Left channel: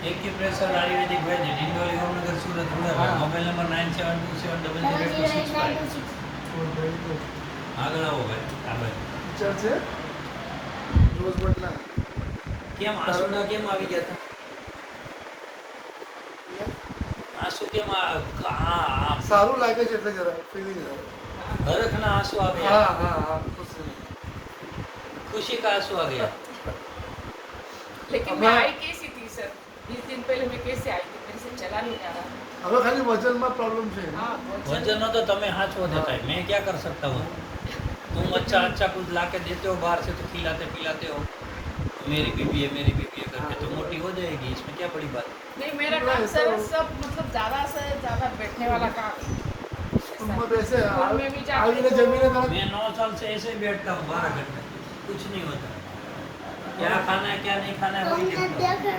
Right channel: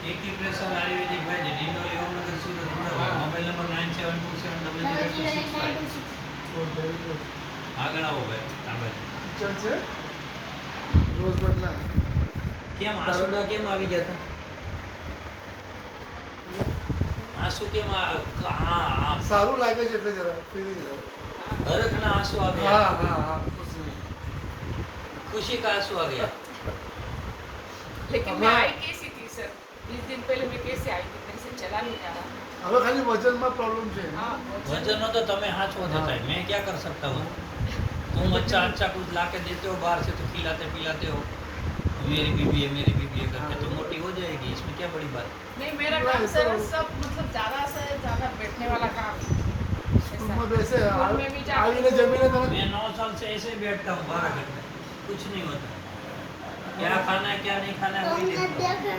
एक की प्रेशर आयुर्वेदिक वैद्य Dindoli Om Nagar Surat Vadodara mobile number 9727002665 આગળ આવો ભાઈ આગળ ટીચર છે રોજ બદલા કેમ આંસુડા કેમ આવી ગયા હતા આંસુ કેમ સારું લાગે છે એટલે જરા ફીલિંગ હરખના આંસુ આ हाँ ગયા हाँ हाँ खुशी का आंसू आ गया लेकिन मैं आई कैसी थी सर 20 दिन पहले मैं कैसे आई थी मेरे से चला नहीं जा रहा હવે ખાલી વજનમાં પ્રોબ્લેમ છે हाँ वजन हो तो तुम्हें हाथ हो देता है मैं क्या कर सकता हूँ तुम अच्छा अच्छा कुछ ला के देते हो बाहर से तो पिलाते हो मेरी बीबी है करके तो मोटी हो जाएगी इसमें क्या बड़ी बात नहीं मेरा काम सर सब मतलब ज़्यादा से ज़्यादा बैठने वाला काम है ઉંમર બેસે स्कूल में भी जाके આવીને જમીને તરત मैं 9 साल से ऐसे ही बैठता हूँ 12 घंटे कुछ नहीं होता क्या खाना है क्या नहीं खाना है वही देखता हूँ